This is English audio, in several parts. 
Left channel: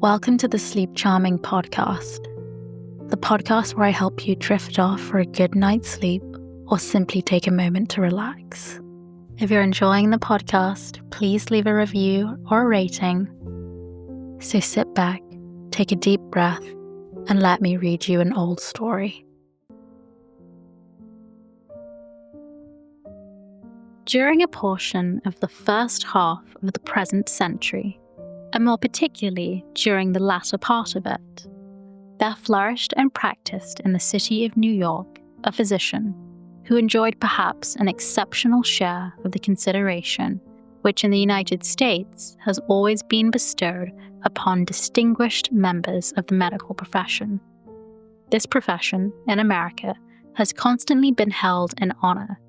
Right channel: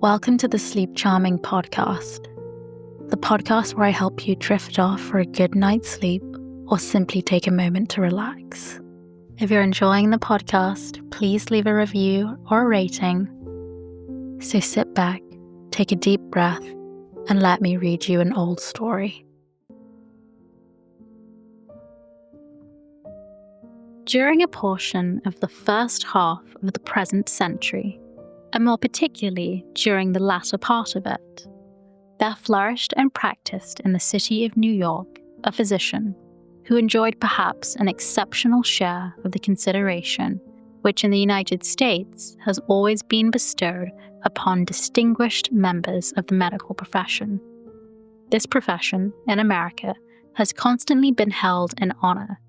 Welcome to the Sleep Charming podcast, the podcast where I help you drift off for a good night's sleep or simply take a moment to relax. If you're enjoying the podcast, please leave a review or a rating. So sit back, take a deep breath, and let me read you an old story. During a portion of the first half of the present century, and more particularly during the latter part of it, there flourished and practiced in the city of New York a physician who enjoyed perhaps an exceptional share of the consideration which in the United States has always been bestowed upon distinguished members of the medical profession. This profession, in America, has constantly been held in honor,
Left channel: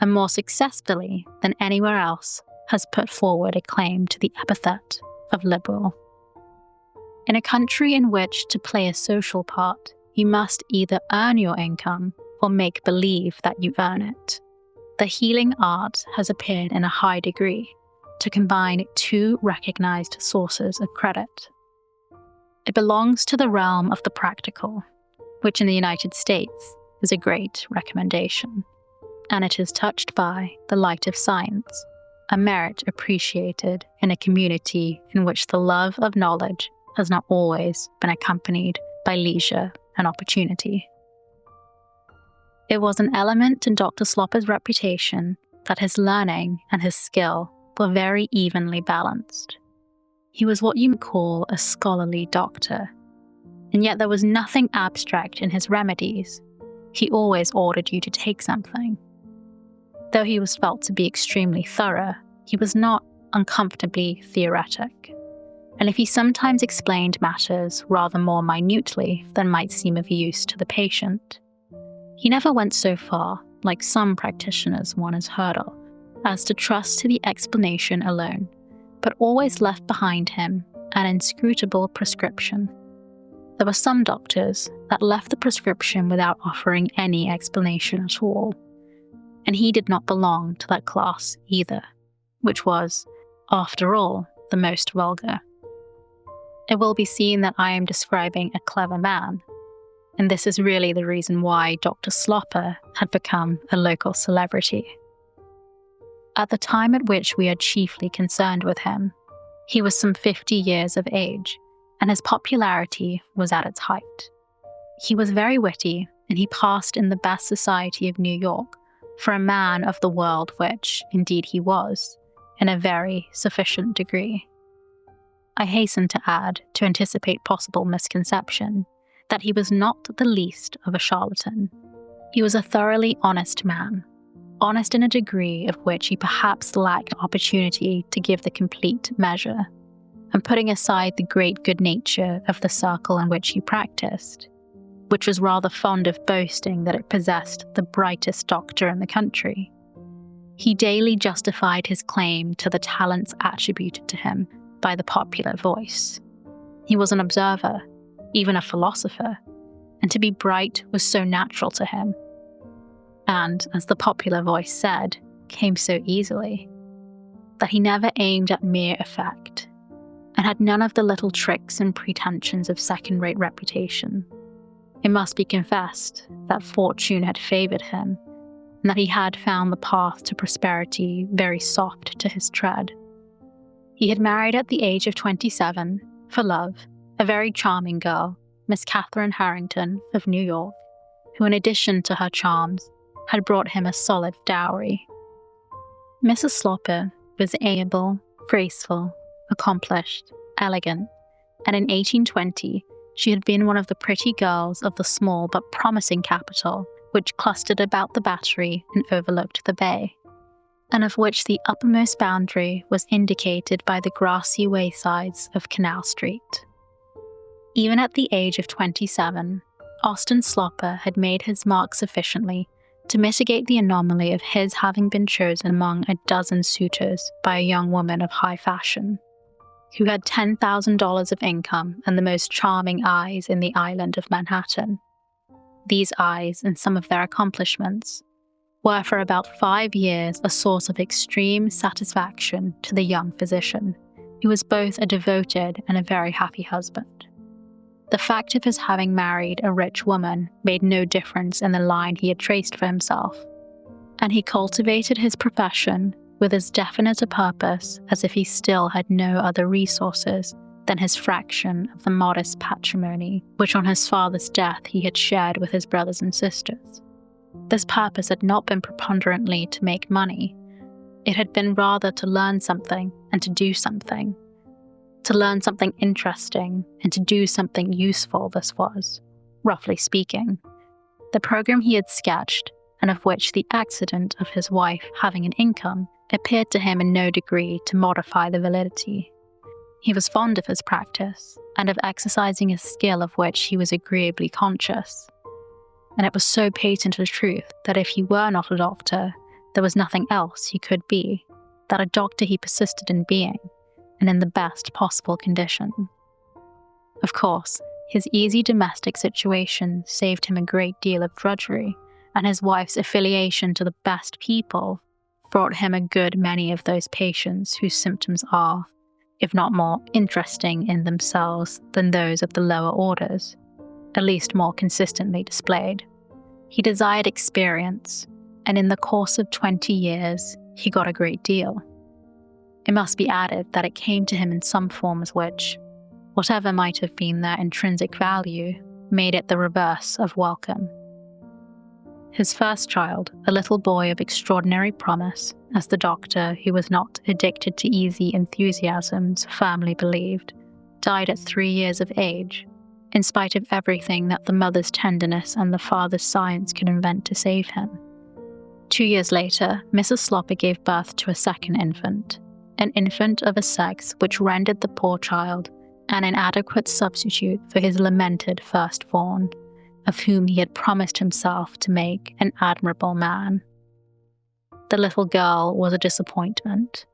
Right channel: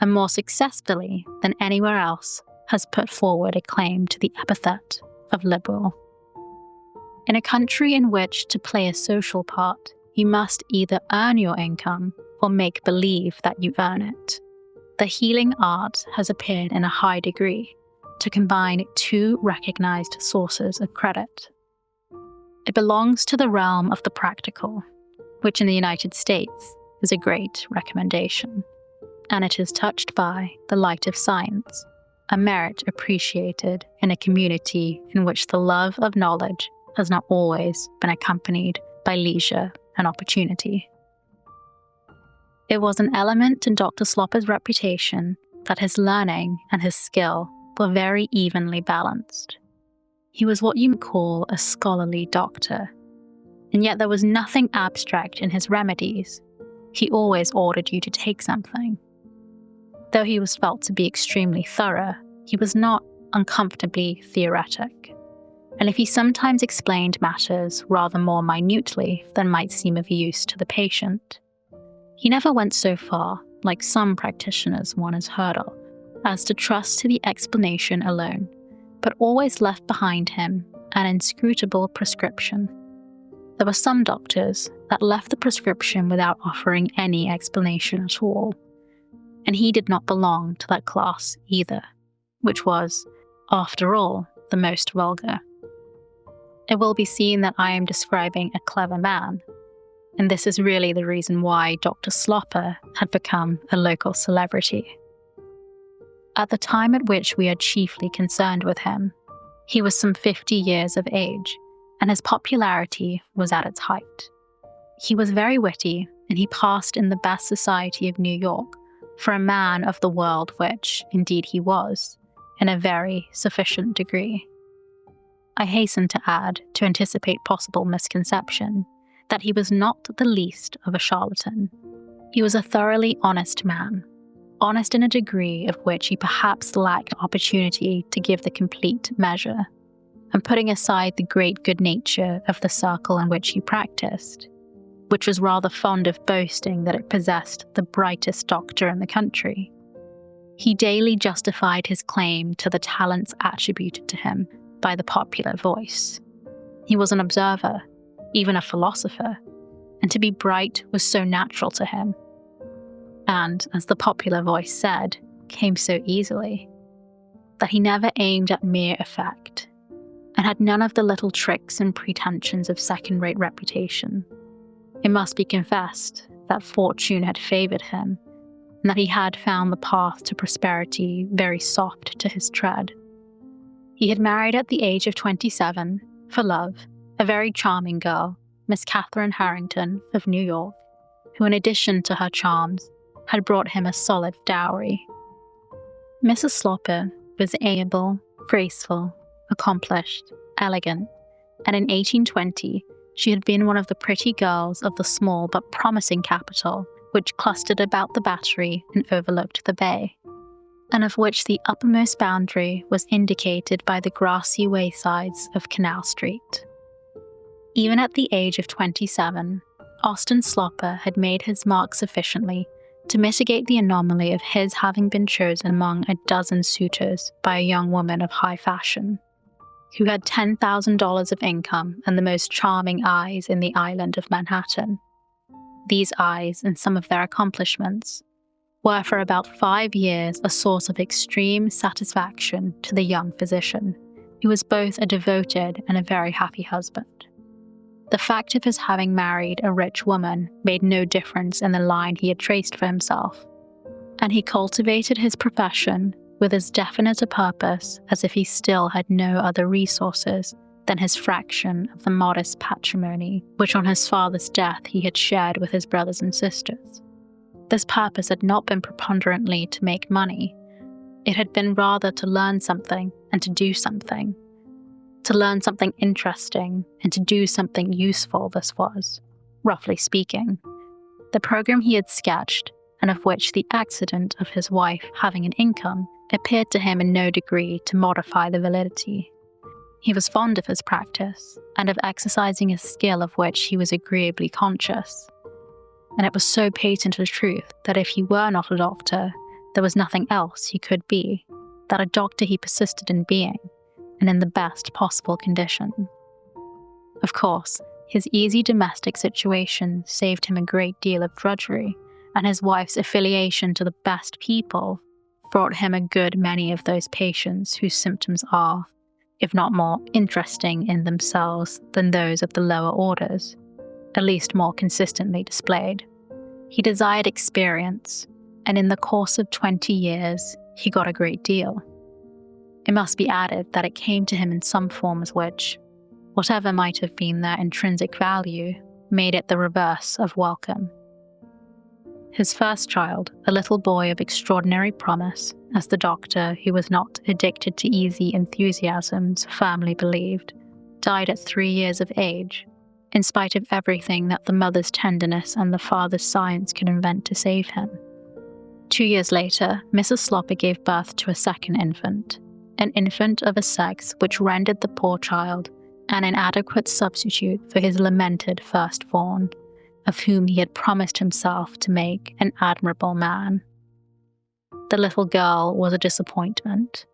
and more successfully than anywhere else has put forward a claim to the epithet of liberal. In a country in which to play a social part, you must either earn your income or make believe that you earn it. The healing art has appeared in a high degree to combine two recognized sources of credit. It belongs to the realm of the practical, which in the United States is a great recommendation, and it is touched by the light of science, a merit appreciated in a community in which the love of knowledge has not always been accompanied by leisure and opportunity. It was an element in Dr. Sloper's reputation that his learning and his skill were very evenly balanced. He was what you might call a scholarly doctor, and yet there was nothing abstract in his remedies. He always ordered you to take something. Though he was felt to be extremely thorough, he was not uncomfortably theoretic, and if he sometimes explained matters rather more minutely than might seem of use to the patient, he never went so far, like some practitioners one has heard of, as to trust to the explanation alone, but always left behind him an inscrutable prescription. There were some doctors that left the prescription without offering any explanation at all, and he did not belong to that class either, which was, after all, the most vulgar. It will be seen that I am describing a clever man, and this is really the reason why Dr. Sloper had become a local celebrity. At the time at which we are chiefly concerned with him, he was some 50 years of age, and his popularity was at its height. He was very witty, and he passed in the best society of New York for a man of the world, which, indeed he was, in a very sufficient degree. I hasten to add, to anticipate possible misconception, that he was not the least of a charlatan. He was a thoroughly honest man, honest in a degree of which he perhaps lacked opportunity to give the complete measure, and putting aside the great good nature of the circle in which he practiced, which was rather fond of boasting that it possessed the brightest doctor in the country, he daily justified his claim to the talents attributed to him by the popular voice. He was an observer, even a philosopher, and to be bright was so natural to him, and, as the popular voice said, came so easily, that he never aimed at mere effect, and had none of the little tricks and pretensions of second-rate reputation. It must be confessed that fortune had favoured him, and that he had found the path to prosperity very soft to his tread. He had married at the age of 27, for love, a very charming girl, Miss Catherine Harrington of New York, who in addition to her charms, had brought him a solid dowry. Mrs. Sloper was amiable, graceful, accomplished, elegant, and in 1820, she had been one of the pretty girls of the small but promising capital which clustered about the Battery and overlooked the bay, and of which the uppermost boundary was indicated by the grassy waysides of Canal Street. Even at the age of 27, Austin Sloper had made his mark sufficiently to mitigate the anomaly of his having been chosen among a dozen suitors by a young woman of high fashion, who had $10,000 of income and the most charming eyes in the island of Manhattan. These eyes and some of their accomplishments were for about 5 years a source of extreme satisfaction to the young physician, He was both a devoted and a very happy husband. The fact of his having married a rich woman made no difference in the line he had traced for himself, and he cultivated his profession with as definite a purpose as if he still had no other resources than his fraction of the modest patrimony which on his father's death he had shared with his brothers and sisters. This purpose had not been preponderantly to make money. It had been rather to learn something and to do something. To learn something interesting and to do something useful, this was, roughly speaking, the program he had sketched, and of which the accident of his wife having an income appeared to him in no degree to modify the validity. He was fond of his practice, and of exercising a skill of which he was agreeably conscious. And it was so patent a truth that if he were not a doctor, there was nothing else he could be, that a doctor he persisted in being, and in the best possible condition. Of course, his easy domestic situation saved him a great deal of drudgery, and his wife's affiliation to the best people brought him a good many of those patients whose symptoms are, if not more interesting in themselves than those of the lower orders, at least more consistently displayed. He desired experience, and in the course of 20 years, he got a great deal. It must be added that it came to him in some forms which, whatever might have been their intrinsic value, made it the reverse of welcome. His first child, a little boy of extraordinary promise, as the doctor, who was not addicted to easy enthusiasms, firmly believed, died at 3 years of age, in spite of everything that the mother's tenderness and the father's science could invent to save him. 2 years later, Mrs. Slopper gave birth to a second infant, an infant of a sex which rendered the poor child an inadequate substitute for his lamented firstborn, of whom he had promised himself to make an admirable man. The little girl was a disappointment,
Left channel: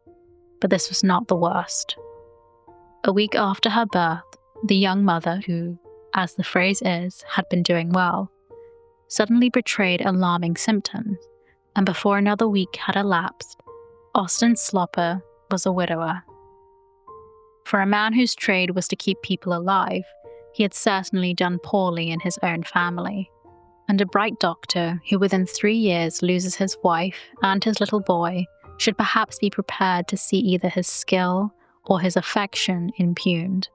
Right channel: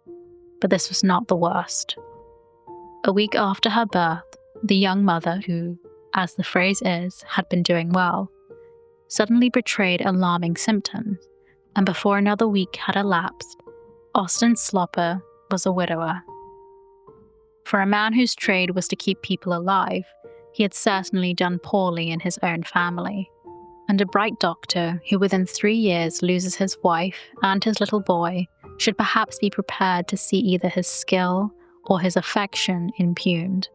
but this was not the worst. A week after her birth, the young mother, who, as the phrase is, had been doing well, suddenly betrayed alarming symptoms, and before another week had elapsed, Austin Slopper was a widower. For a man whose trade was to keep people alive, he had certainly done poorly in his own family, and a bright doctor who within 3 years loses his wife and his little boy should perhaps be prepared to see either his skill or his affection impugned.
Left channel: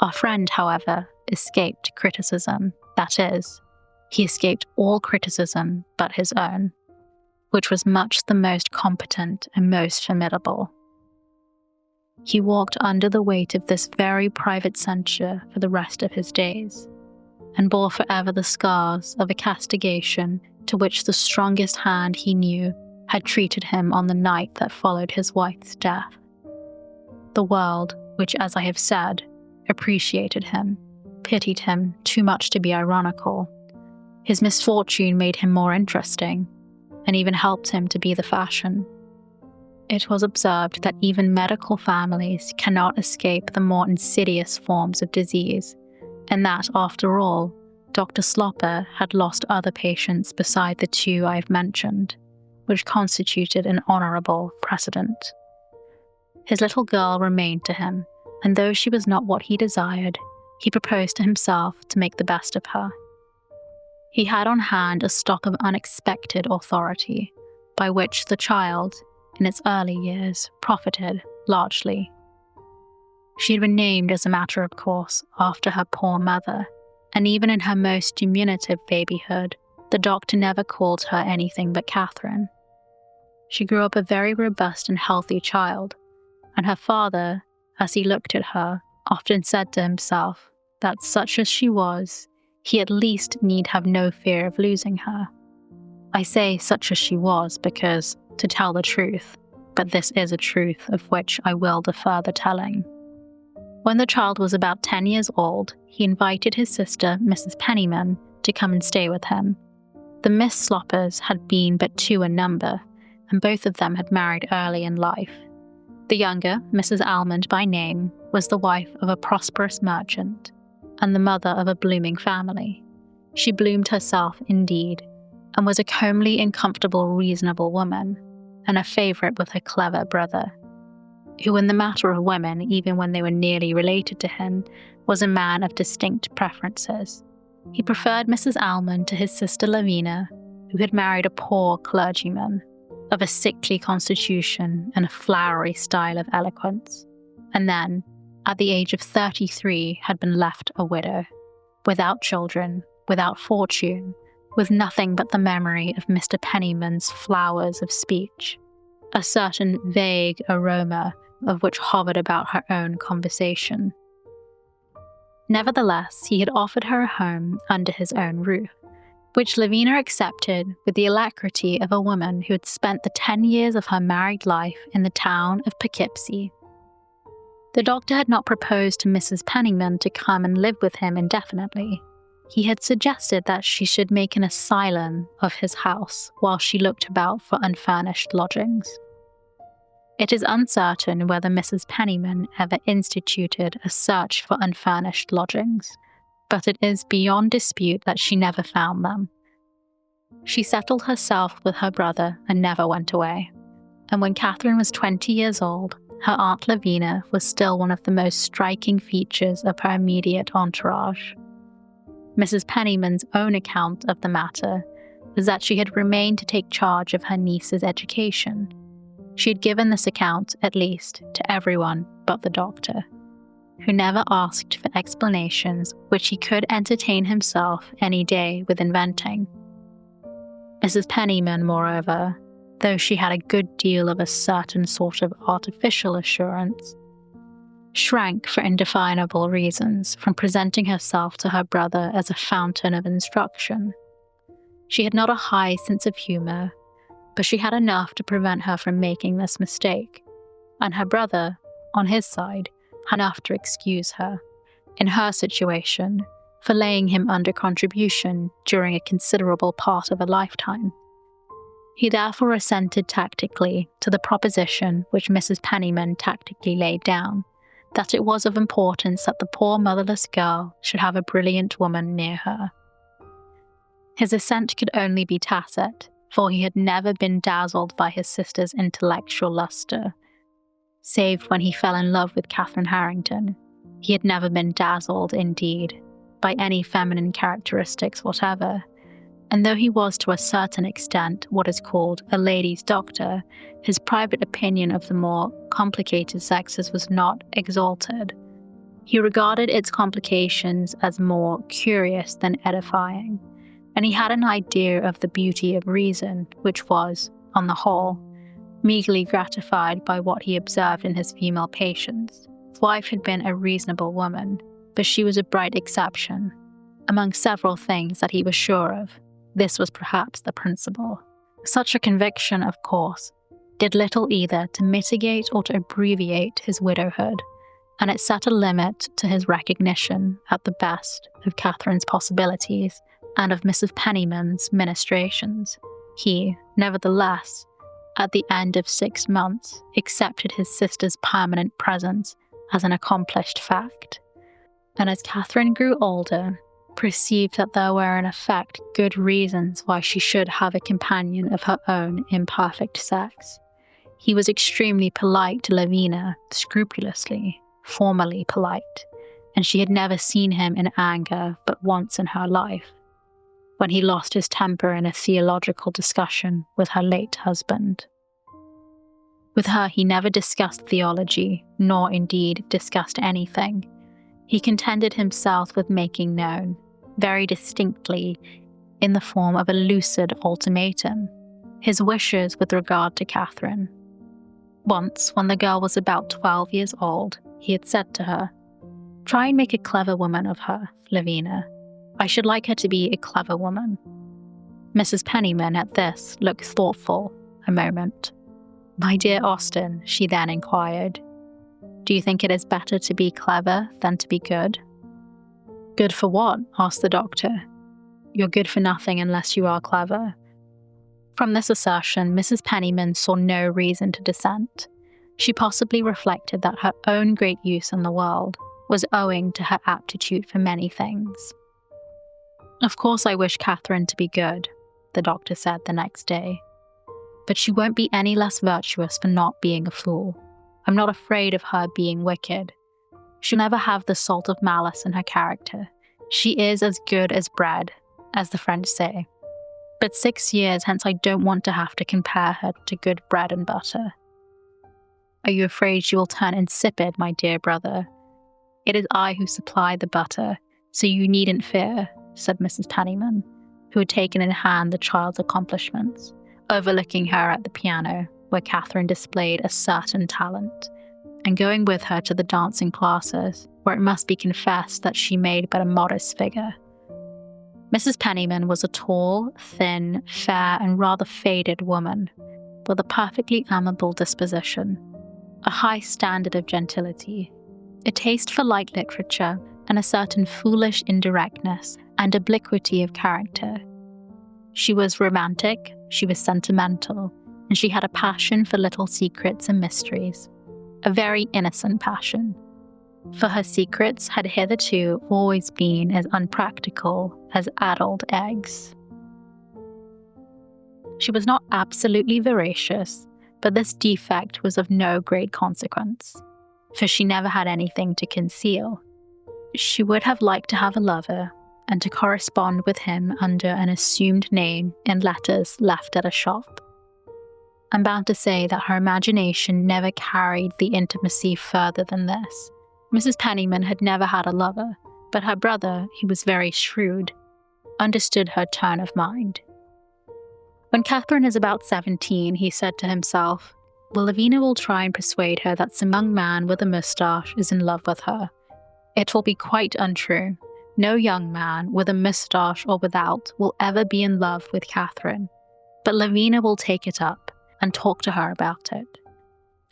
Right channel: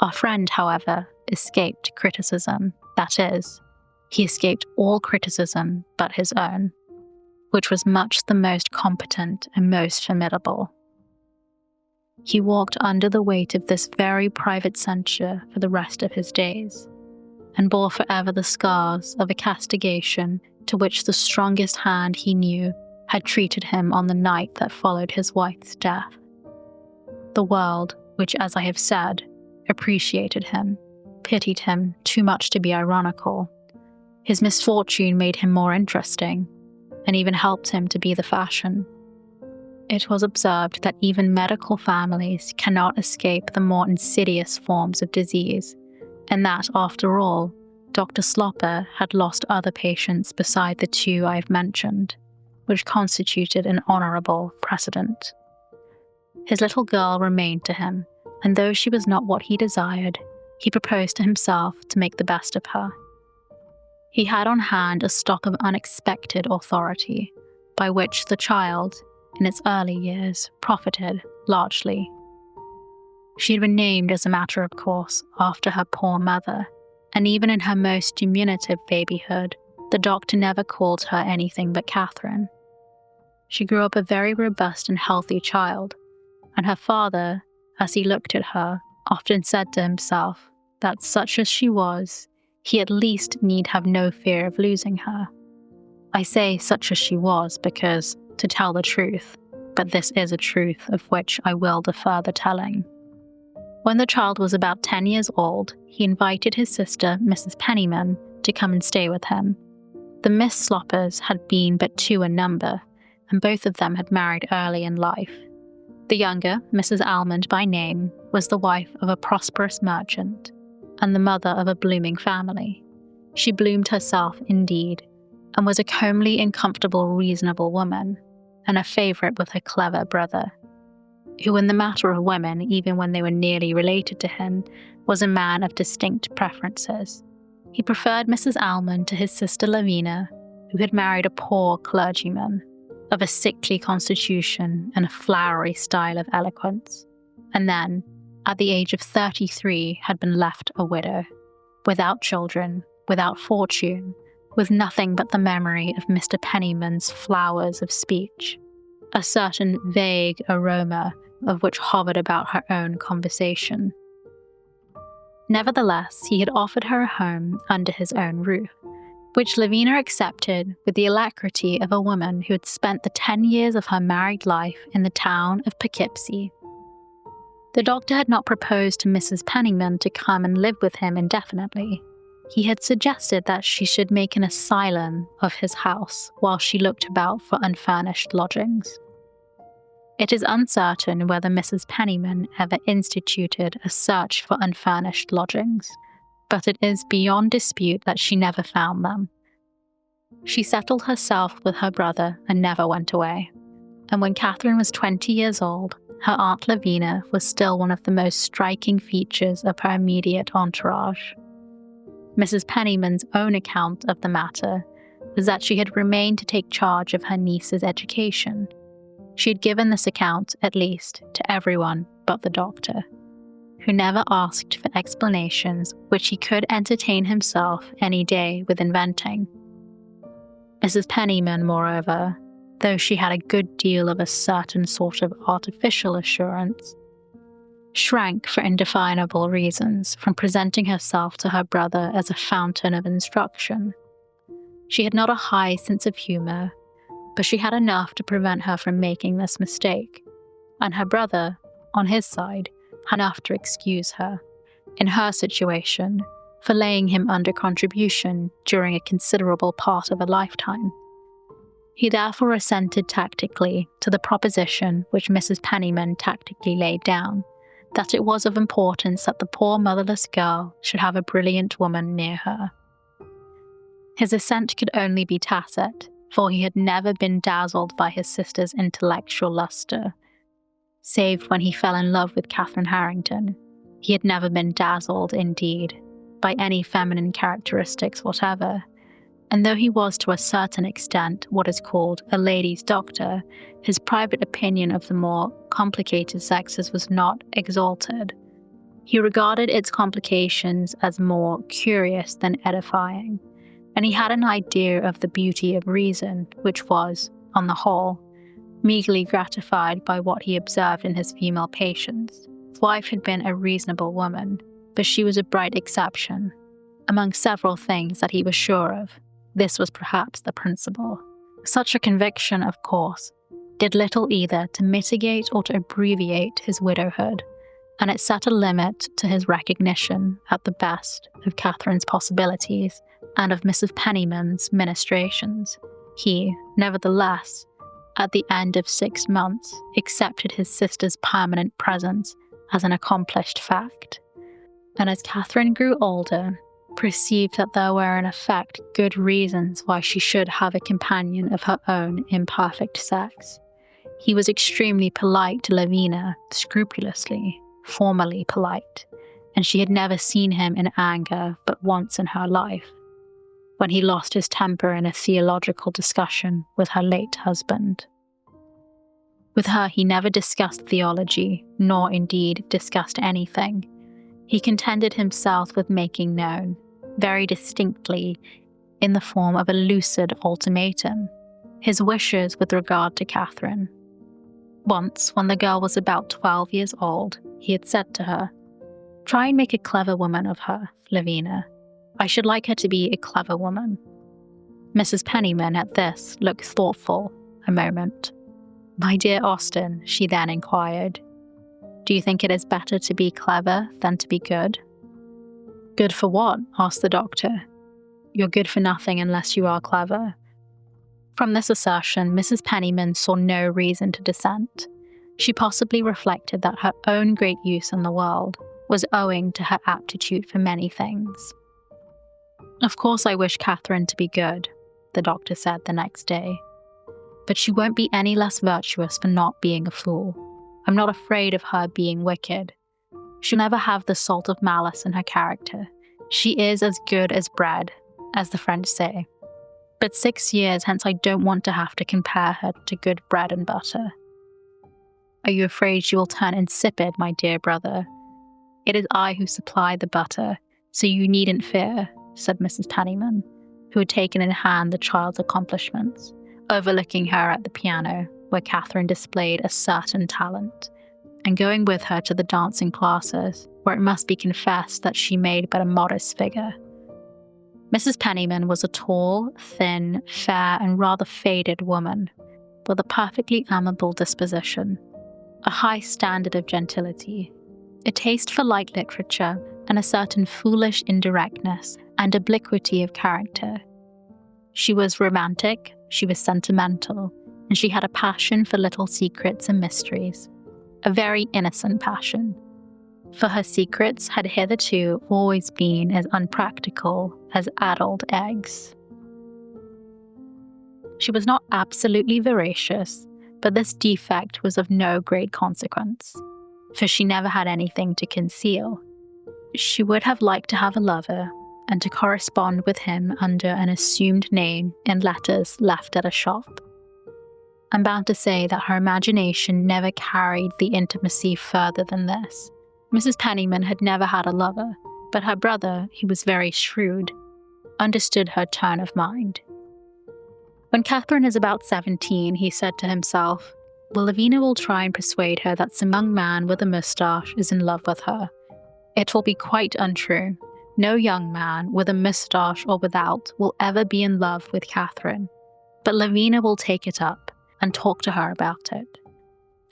Our friend, however, escaped criticism, that is, he escaped all criticism but his own, which was much the most competent and most formidable. He walked under the weight of this very private censure for the rest of his days, and bore forever the scars of a castigation to which the strongest hand he knew had treated him on the night that followed his wife's death. The world, which, as I have said, appreciated him, pitied him too much to be ironical. His misfortune made him more interesting, and even helped him to be the fashion. It was observed that even medical families cannot escape the more insidious forms of disease, and that, after all, Dr. Slopper had lost other patients beside the 2 I have mentioned, which constituted an honourable precedent. His little girl remained to him, and though she was not what he desired, he proposed to himself to make the best of her. He had on hand a stock of unexpected authority, by which the child, in its early years, profited largely. She had been named, as a matter of course, after her poor mother, and even in her most diminutive babyhood, the doctor never called her anything but Catherine. She grew up a very robust and healthy child, and her father, as he looked at her, often said to himself that such as she was, he at least need have no fear of losing her. I say such as she was because, to tell the truth, but this is a truth of which I will defer the telling. When the child was about 10 years old, he invited his sister, Mrs. Pennyman, to come and stay with him. The Miss Sloppers had been but 2 in number, and both of them had married early in life. The younger, Mrs. Almond by name, was the wife of a prosperous merchant, and the mother of a blooming family. She bloomed herself, indeed, and was a comely and comfortable reasonable woman, and a favourite with her clever brother. who in the matter of women, even when they were nearly related to him, was a man of distinct preferences. He preferred Mrs. Almond to his sister Lavina, who had married a poor clergyman, of a sickly constitution and a flowery style of eloquence, and then, at the age of 33, had been left a widow, without children, without fortune, with nothing but the memory of Mr. Penniman's flowers of speech, a certain vague aroma of which hovered about her own conversation. Nevertheless, he had offered her a home under his own roof, which Lavina accepted with the alacrity of a woman who had spent the 10 years of her married life in the town of Poughkeepsie. The doctor had not proposed to Mrs. Penniman to come and live with him indefinitely. He had suggested that she should make an asylum of his house while she looked about for unfurnished lodgings. It is uncertain whether Mrs. Penniman ever instituted a search for unfurnished lodgings, but it is beyond dispute that she never found them. She settled herself with her brother and never went away, and when Catherine was 20 years old, her Aunt Lavina was still one of the most striking features of her immediate entourage. Mrs. Penniman's own account of the matter was that she had remained to take charge of her niece's education. She had given this account, at least, to everyone but the doctor, who never asked for explanations which he could entertain himself any day with inventing. Mrs. Penniman, moreover, though she had a good deal of a certain sort of artificial assurance, shrank for indefinable reasons from presenting herself to her brother as a fountain of instruction. She had not a high sense of humour, but she had enough to prevent her from making this mistake, and her brother, on his side, had enough to excuse her, in her situation, for laying him under contribution during a considerable part of a lifetime. He therefore assented tactically to the proposition which Mrs. Penniman tactically laid down, that it was of importance that the poor motherless girl should have a brilliant woman near her. His assent could only be tacit, for he had never been dazzled by his sister's intellectual lustre. Save when he fell in love with Catherine Harrington, he had never been dazzled, indeed, by any feminine characteristics whatever, and though he was to a certain extent what is called a lady's doctor, his private opinion of the more complicated sexes was not exalted. He regarded its complications as more curious than edifying, and he had an idea of the beauty of reason, which was, on the whole, meagerly gratified by what he observed in his female patients. His wife had been a reasonable woman, but she was a bright exception. Among several things that he was sure of, this was perhaps the principal. Such a conviction, of course, did little either to mitigate or to abbreviate his widowhood, and it set a limit to his recognition, at the best, of Catherine's possibilities and of Mrs. Penniman's ministrations. He, nevertheless, at the end of 6 months, accepted his sister's permanent presence as an accomplished fact, and as Catherine grew older, perceived that there were in effect good reasons why she should have a companion of her own imperfect sex. He was extremely polite to Lavina, scrupulously, formally polite, and she had never seen him in anger but once in her life, when he lost his temper in a theological discussion with her late husband. With her he never discussed theology, nor indeed discussed anything. He contented himself with making known, very distinctly, in the form of a lucid ultimatum, his wishes with regard to Catherine. Once, when the girl was about 12 years old, he had said to her, "Try and make a clever woman of her, Lavina. I should like her to be a clever woman." Mrs. Penniman at this looked thoughtful a moment. "My dear Austen," she then inquired, "do you think it is better to be clever than to be good?" "Good for what?" asked the doctor. "You're good for nothing unless you are clever." From this assertion, Mrs. Penniman saw no reason to dissent. She possibly reflected that her own great use in the world was owing to her aptitude for many things. "Of course I wish Catherine to be good," the doctor said the next day. "But she won't be any less virtuous for not being a fool. I'm not afraid of her being wicked. She'll never have the salt of malice in her character. She is as good as bread, as the French say. But 6 years hence I don't want to have to compare her to good bread and butter. Are you afraid she will turn insipid, my dear brother? It is I who supply the butter, so you needn't fear, said Mrs. Penniman, who had taken in hand the child's accomplishments, overlooking her at the piano, where Catherine displayed a certain talent, and going with her to the dancing classes, where it must be confessed that she made but a modest figure. Mrs. Penniman was a tall, thin, fair, and rather faded woman, with a perfectly amiable disposition, a high standard of gentility, a taste for light literature, and a certain foolish indirectness and obliquity of character. She was romantic, she was sentimental, and she had a passion for little secrets and mysteries, a very innocent passion, for her secrets had hitherto always been as unpractical as addled eggs. She was not absolutely voracious, but this defect was of no great consequence, for she never had anything to conceal. She would have liked to have a lover, and to correspond with him under an assumed name in letters left at a shop. I'm bound to say that her imagination never carried the intimacy further than this. Mrs. Penniman had never had a lover, but her brother, who was very shrewd, understood her turn of mind. When Catherine is about 17, he said to himself, "Well, Lavina will try and persuade her that some young man with a moustache is in love with her. It will be quite untrue. No young man, with a moustache or without, will ever be in love with Catherine. But Lavina will take it up and talk to her about it.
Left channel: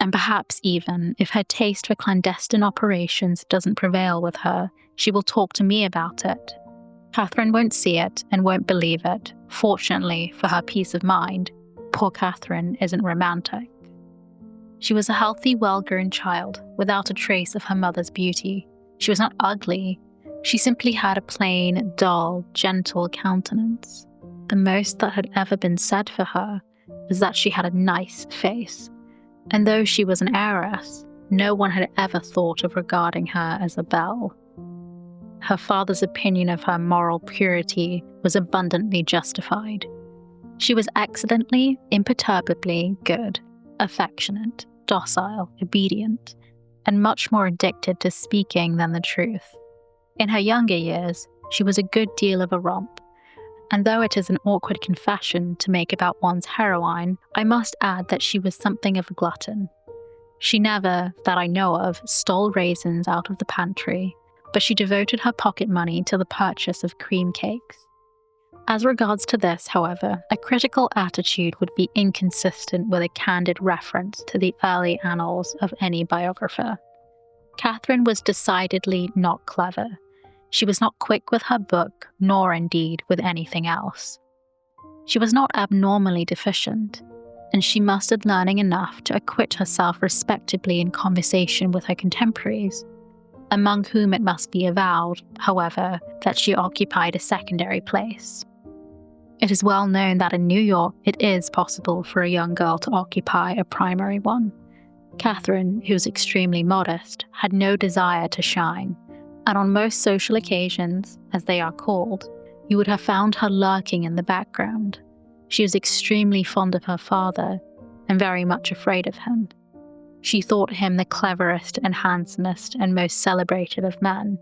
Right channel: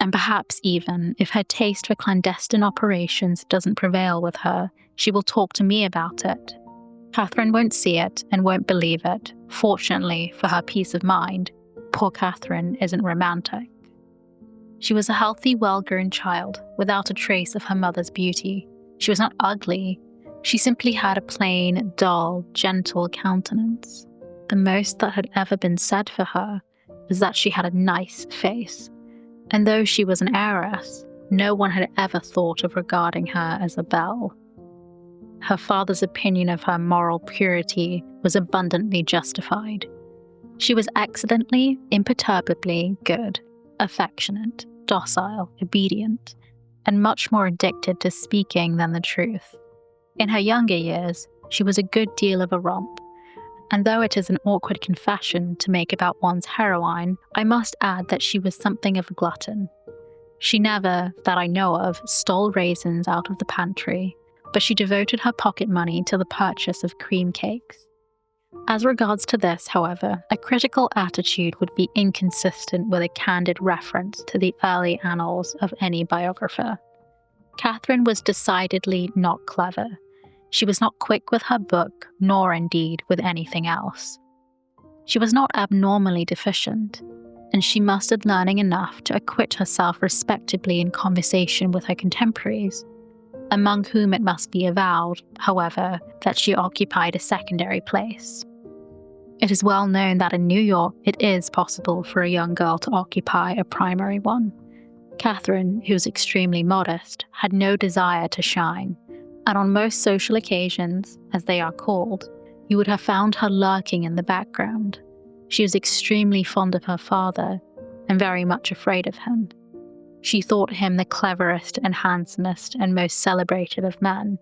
And perhaps even, if her taste for clandestine operations doesn't prevail with her, she will talk to me about it. Catherine won't see it and won't believe it. Fortunately, for her peace of mind, poor Catherine isn't romantic." She was a healthy, well-grown child, without a trace of her mother's beauty. She was not ugly. She simply had a plain, dull, gentle countenance. The most that had ever been said for her was that she had a nice face. And though she was an heiress, no one had ever thought of regarding her as a belle. Her father's opinion of her moral purity was abundantly justified. She was excellently, imperturbably good, affectionate, docile, obedient, and much more addicted to speaking than the truth. In her younger years, she was a good deal of a romp, and though it is an awkward confession to make about one's heroine, I must add that she was something of a glutton. She never, that I know of, stole raisins out of the pantry, but she devoted her pocket money to the purchase of cream cakes. As regards to this, however, a critical attitude would be inconsistent with a candid reference to the early annals of any biographer. Catherine was decidedly not clever. She was not quick with her book, nor indeed with anything else. She was not abnormally deficient, and she mustered learning enough to acquit herself respectably in conversation with her contemporaries, among whom it must be avowed, however, that she occupied a secondary place. It is well known that in New York it is possible for a young girl to occupy a primary one. Catherine, who was extremely modest, had no desire to shine, and on most social occasions, as they are called, you would have found her lurking in the background. She was extremely fond of her father, and very much afraid of him. She thought him the cleverest and handsomest and most celebrated of men.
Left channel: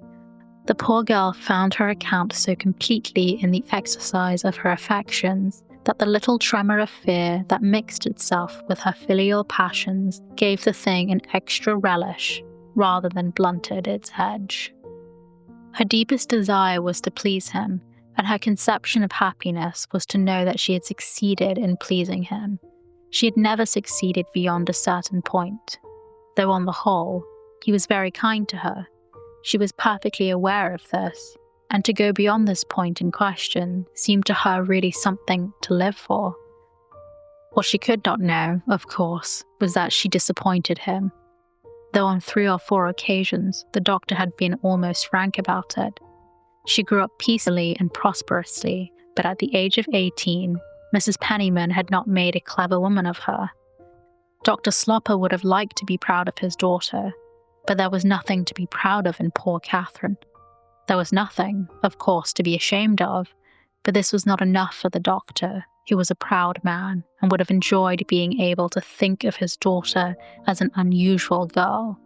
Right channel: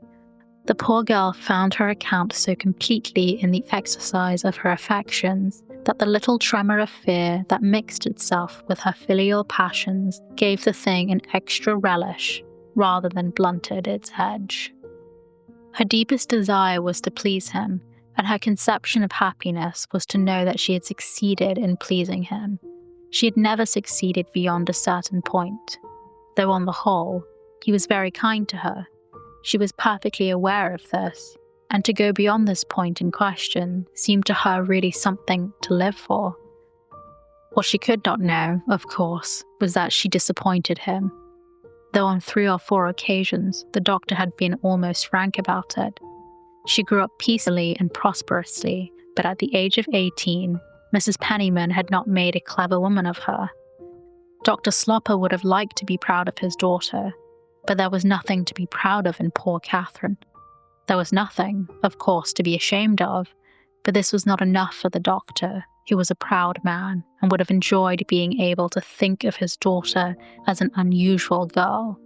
The poor girl found her account so completely in the exercise of her affections that the little tremor of fear that mixed itself with her filial passions gave the thing an extra relish rather than blunted its edge. Her deepest desire was to please him, and her conception of happiness was to know that she had succeeded in pleasing him. She had never succeeded beyond a certain point, though on the whole, he was very kind to her. She was perfectly aware of this, and to go beyond this point in question seemed to her really something to live for. What she could not know, of course, was that she disappointed him. Though on 3 or 4 occasions the doctor had been almost frank about it. She grew up peacefully and prosperously, but at the age of 18, Mrs. Penniman had not made a clever woman of her. Dr. Slopper would have liked to be proud of his daughter, but there was nothing to be proud of in poor Catherine. There was nothing, of course, to be ashamed of, but this was not enough for the doctor, who was a proud man and would have enjoyed being able to think of his daughter as an unusual girl.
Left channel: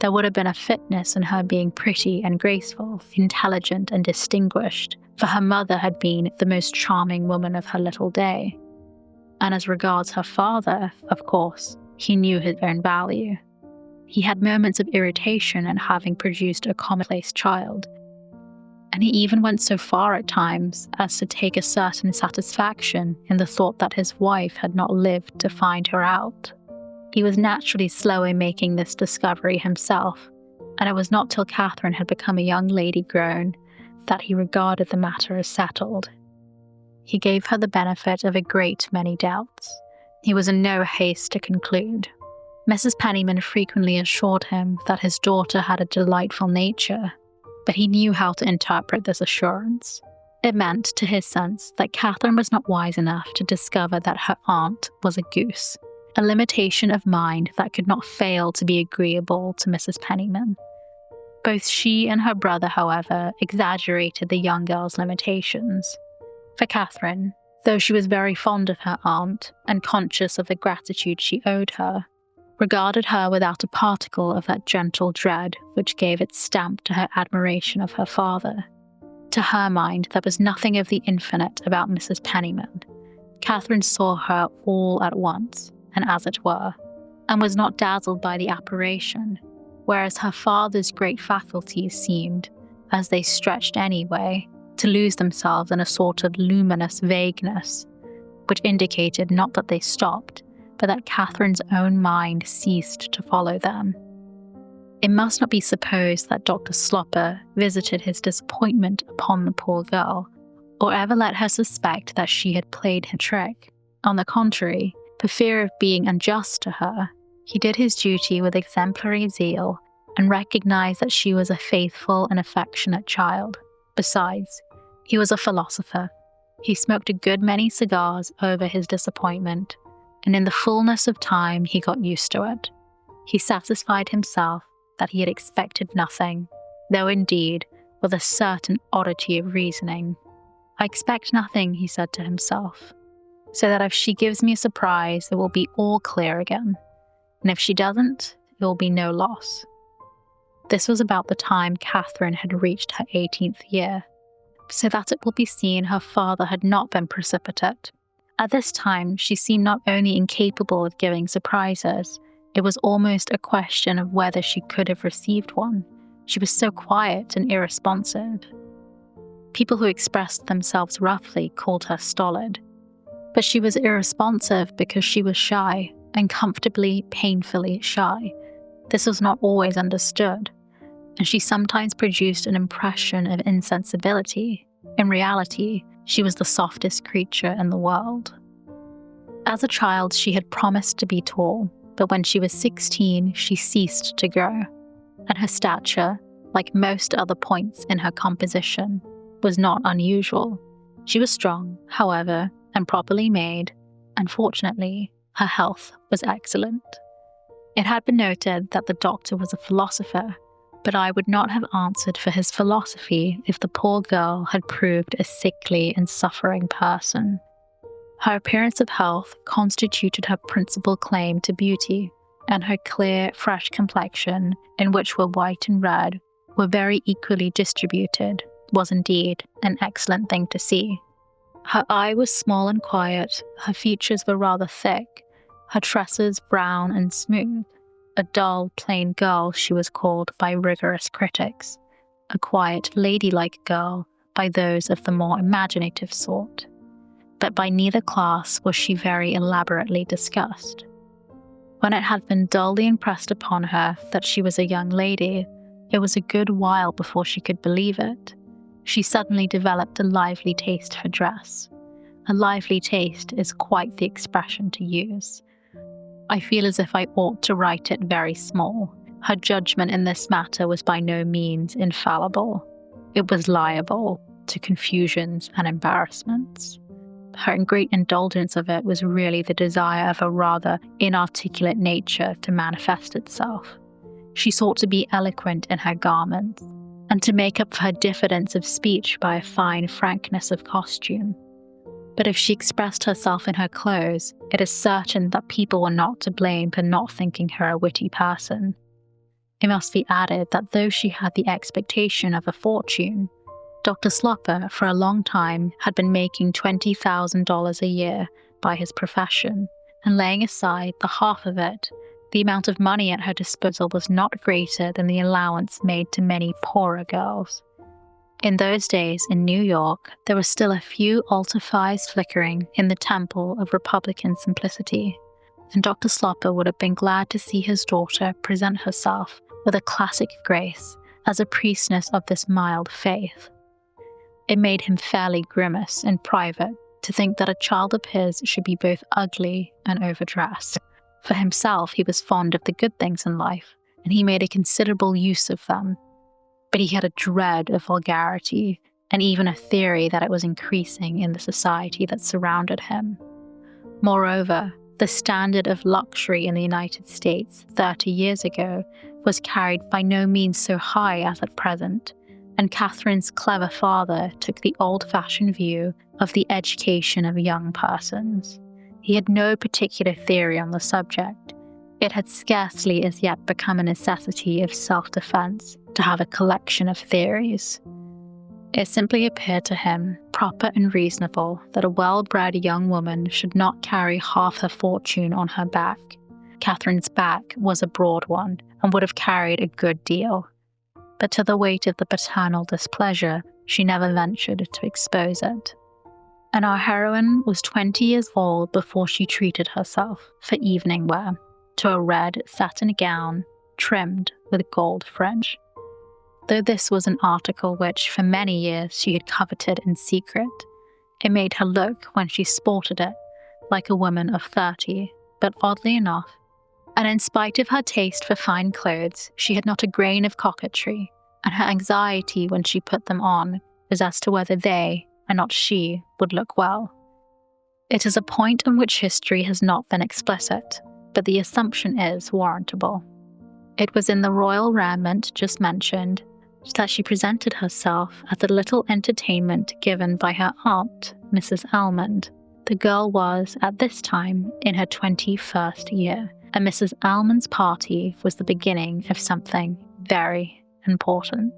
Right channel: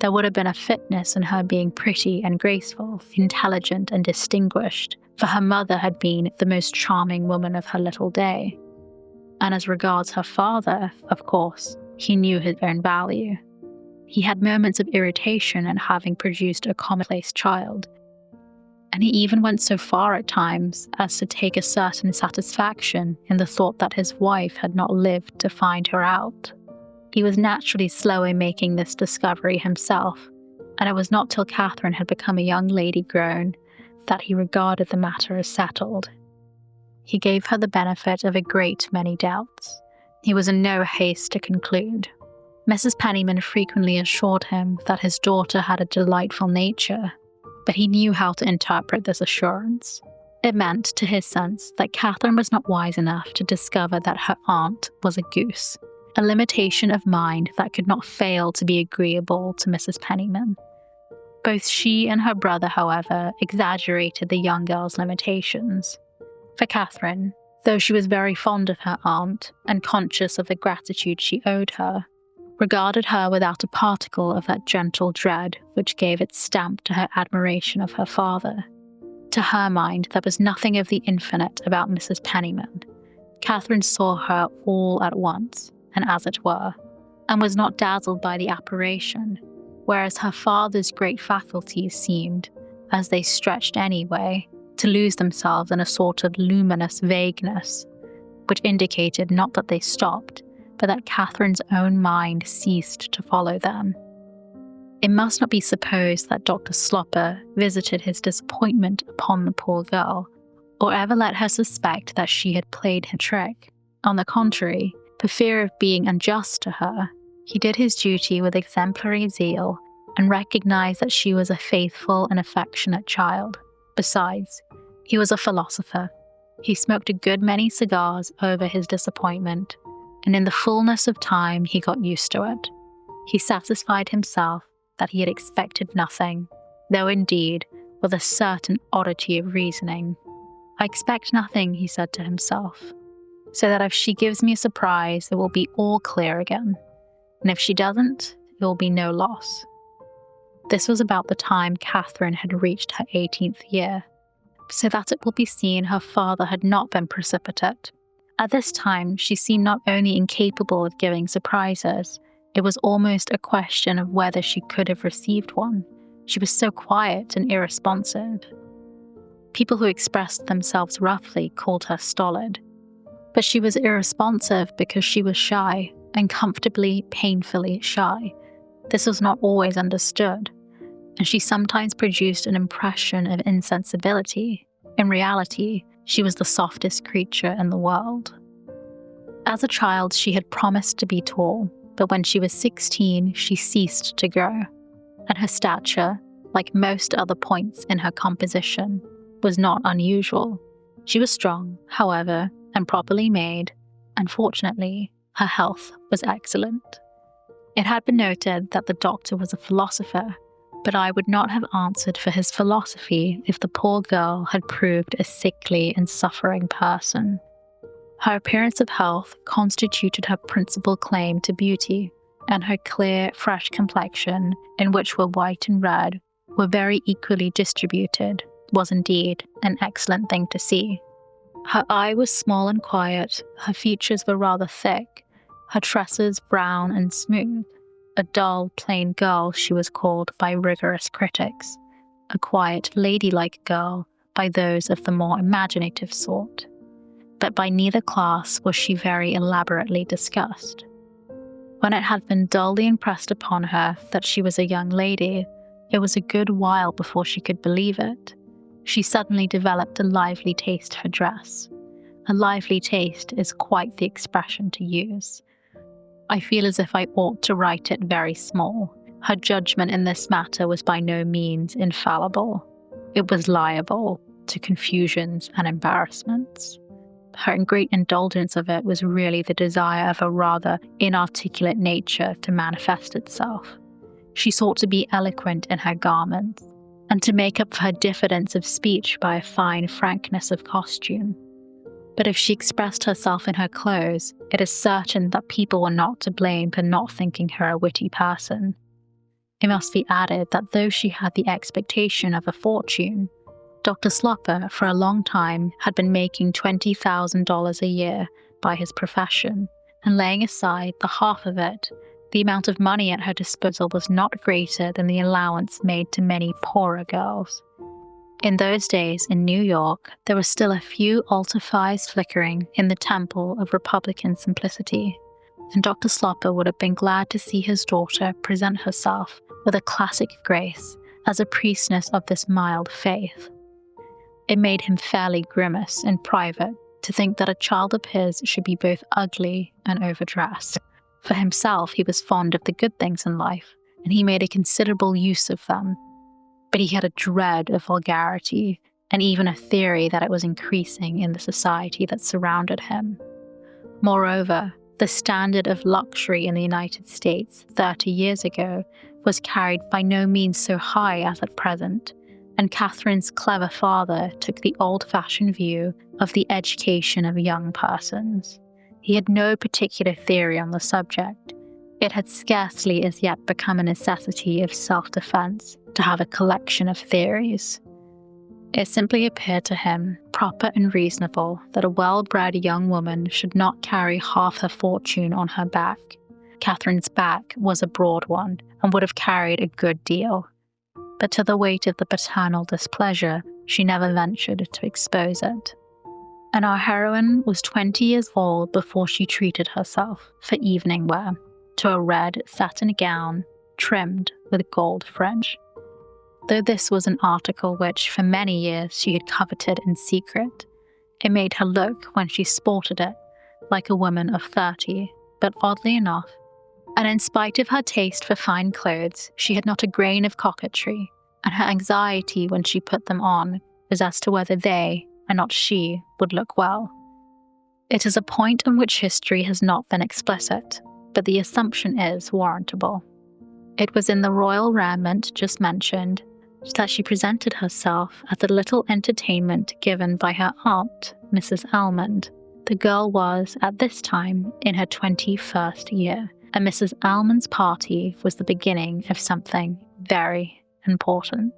There would have been a fitness in her being pretty and graceful, intelligent and distinguished, for her mother had been the most charming woman of her little day. And as regards her father, of course, he knew his own value. He had moments of irritation at having produced a commonplace child, and he even went so far at times as to take a certain satisfaction in the thought that his wife had not lived to find her out. He was naturally slow in making this discovery himself, and it was not till Catherine had become a young lady grown that he regarded the matter as settled. He gave her the benefit of a great many doubts. He was in no haste to conclude. Mrs. Penniman frequently assured him that his daughter had a delightful nature, but he knew how to interpret this assurance. It meant, to his sense, that Catherine was not wise enough to discover that her aunt was a goose, a limitation of mind that could not fail to be agreeable to Mrs. Penniman. Both she and her brother, however, exaggerated the young girl's limitations. For Catherine, though she was very fond of her aunt and conscious of the gratitude she owed her, regarded her without a particle of that gentle dread which gave its stamp to her admiration of her father. To her mind, there was nothing of the infinite about Mrs. Penniman. Catherine saw her all at once, and as it were, and was not dazzled by the apparition, whereas her father's great faculties seemed, as they stretched anyway, to lose themselves in a sort of luminous vagueness, which indicated not that they stopped, but that Catherine's own mind ceased to follow them. It must not be supposed that Dr. Slopper visited his disappointment upon the poor girl, or ever let her suspect that she had played him a trick. On the contrary, for fear of being unjust to her, he did his duty with exemplary zeal and recognized that she was a faithful and affectionate child. Besides, he was a philosopher. He smoked a good many cigars over his disappointment, and in the fullness of time he got used to it. He satisfied himself that he had expected nothing, though indeed with a certain oddity of reasoning. "I expect nothing," he said to himself, "so that if she gives me a surprise, it will be all clear again, and if she doesn't, it will be no loss." This was about the time Catherine had reached her 18th year, so that it will be seen her father had not been precipitate. At this time, she seemed not only incapable of giving surprises, it was almost a question of whether she could have received one. She was so quiet and irresponsive. People who expressed themselves roughly called her stolid. But she was irresponsive because she was shy, and comfortably, painfully shy. This was not always understood, and she sometimes produced an impression of insensibility. In reality, she was the softest creature in the world. As a child, she had promised to be tall, but when she was 16, she ceased to grow, and her stature, like most other points in her composition, was not unusual. She was strong, however, and properly made, and fortunately, her health was excellent. It had been noted that the doctor was a philosopher, but I would not have answered for his philosophy if the poor girl had proved a sickly and suffering person. Her appearance of health constituted her principal claim to beauty, and her clear, fresh complexion, in which were white and red, were very equally distributed, was indeed an excellent thing to see. Her eye was small and quiet, her features were rather thick, her tresses brown and smooth. A dull, plain girl she was called by rigorous critics, a quiet, ladylike girl by those of the more imaginative sort. But by neither class was she very elaborately discussed. When it had been dully impressed upon her that she was a young lady, it was a good while before she could believe it. She suddenly developed a lively taste for dress. A lively taste is quite the expression to use. I feel as if I ought to write it very small. Her judgment in this matter was by no means infallible. It was liable to confusions and embarrassments. her great indulgence of it was really the desire of a rather inarticulate nature to manifest itself. She sought to be eloquent in her garments, and to make up for her diffidence of speech by a fine frankness of costume. But if she expressed herself in her clothes, it is certain that people were not to blame for not thinking her a witty person. It must be added that though she had the expectation of a fortune, Dr. Sloper for a long time had been making $20,000 a year by his profession, and laying aside the half of it, the amount of money at her disposal was not greater than the allowance made to many poorer girls. In those days in New York, there were still a few altar fires flickering in the temple of Republican simplicity, and Dr. Sloper would have been glad to see his daughter present herself with a classic grace as a priestess of this mild faith. It made him fairly grimace in private to think that a child of his should be both ugly and overdressed. For himself, he was fond of the good things in life, and he made a considerable use of them. But he had a dread of vulgarity, and even a theory that it was increasing in the society that surrounded him. Moreover, the standard of luxury in the United States 30 years ago was carried by no means so high as at present, and Catherine's clever father took the old-fashioned view of the education of young persons. He had no particular theory on the subject. It had scarcely as yet become a necessity of self-defense to have a collection of theories. It simply appeared to him proper and reasonable that a well-bred young woman should not carry half her fortune on her back. Catherine's back was a broad one, and would have carried a good deal. But to the weight of the paternal displeasure, she never ventured to expose it. And our heroine was 20 years old before she treated herself, for evening wear, to a red satin gown trimmed with gold fringe. Though this was an article which for many years she had coveted in secret, it made her look, when she sported it, like a woman of 30, but oddly enough, and in spite of her taste for fine clothes, she had not a grain of coquetry, and her anxiety when she put them on was as to whether they, and not she, would look well. It is a point on which history has not been explicit, but the assumption is warrantable. It was in the royal raiment just mentioned that she presented herself at the little entertainment given by her aunt, Mrs. Almond. The girl was, at this time, in her 21st year, and Mrs. Almond's party was the beginning of something very important.